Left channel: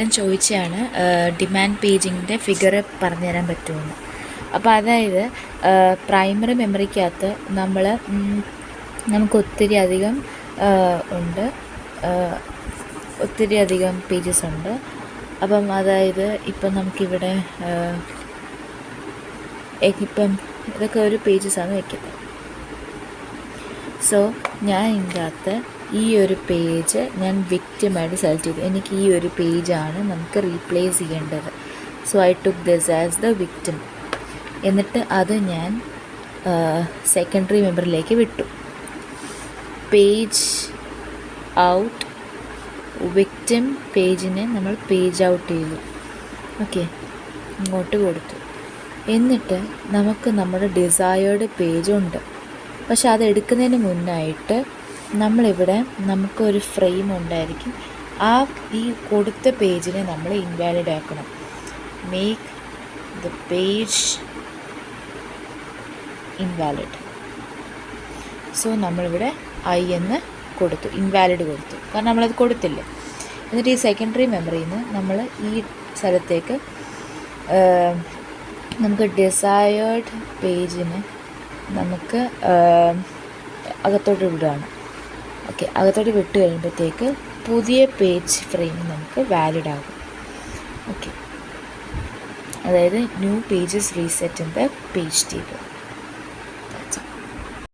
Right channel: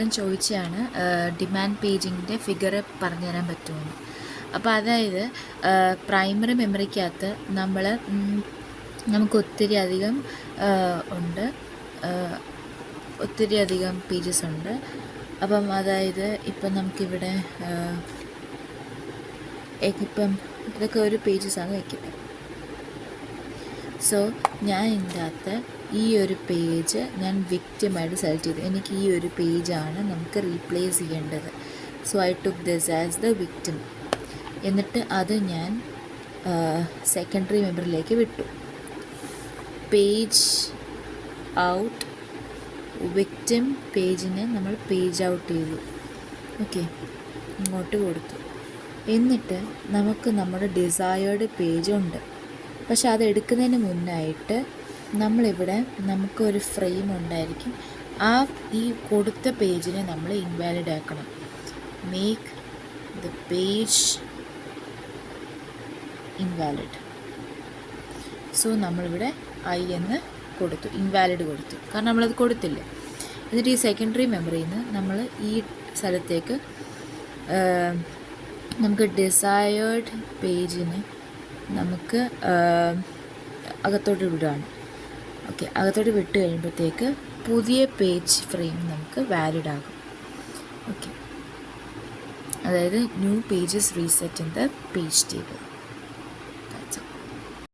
ഞാൻ ചോദിച്ചതാണ് demand പേജിങ്ങിൻ്റെ figure പറഞ്ഞു തരാൻ പറ്റുമെന്ന്. അപ്പോൾ അതായത് പ്രൈമറി മെമ്മറിക്കകത്ത് നമുക്ക് ഒത്തിരി അധികം പേജസ് ഉണ്ട്. അപ്പം അതായത് ഇപ്പം നമുക്കിവിടെ ഇപ്പം ഇതൊക്കെ ഒരു പേജസാണ് വയ്ക്കുന്നത്. സോ ഞാൻ ഇതിൻ്റെ അകത്ത് ഈ ഒരു പേജ് ഞാൻ വിക്റ്റിമായിട്ട് സെലക്ട് ചെയ്തു. എനിക്ക് ഈ ഒരു പേജാണ് നമുക്ക് റീപ്ലേസ് ചെയ്യേണ്ടത്. So I took this as the victim. എന്നിട്ട് അത് ഞാൻ സെക്കൻഡറി മെമ്പറിലേക്ക് വിട്ടു. പേജ് ഔട്ട്, വിക്റ്റിം പേജിനെ നമ്മൾ പേജ് ഔട്ട് ചെയ്തു. ഓക്കെ, ഇങ്ങോട്ട് കൊടുത്തു. എന്നിട്ട് നമുക്ക് നമ്മുടെ ഡിസയേർഡ് പേജുണ്ട്. പക്ഷെ അത് എടുക്കുന്നതിന് മുന്നായിട്ട് നമ്മളിവിടെ നമുക്കൊരു ഫ്രെയിം ഉണ്ടായിരിക്കും. ഈ കൊടുത്ത പേജിനെ നമ്മൾ ഇൻവാലിഡ് ആക്കണം. Make the page invalid. So നമ്മളിവിടെ എന്ന് കൊടുത്തു, ഇൻവാലിഡ് കൊടുത്തു, കാരണം നമ്മളത് കൊടുത്തില്ല. എന്നിട്ട് ഈ സെക്കൻഡറി മെമ്മറിയിൽ നിന്ന് നമ്മൾ ഈ സ്ഥലത്തേക്ക് നമുക്ക് ഡിസയേർഡ് പേജിന് നമുക്ക് അകത്തോട്ട് വിടുകയാണ്. ഓക്കെ, അകത്തോട്ട് വിട്ട് കഴിയുമ്പോഴത്തേക്ക് പുതിയ പേജ് ഫ്രെയിം നമുക്ക് വാലിഡ് ആകും. ഓക്കെ, അതായത് new pages reset in the page table.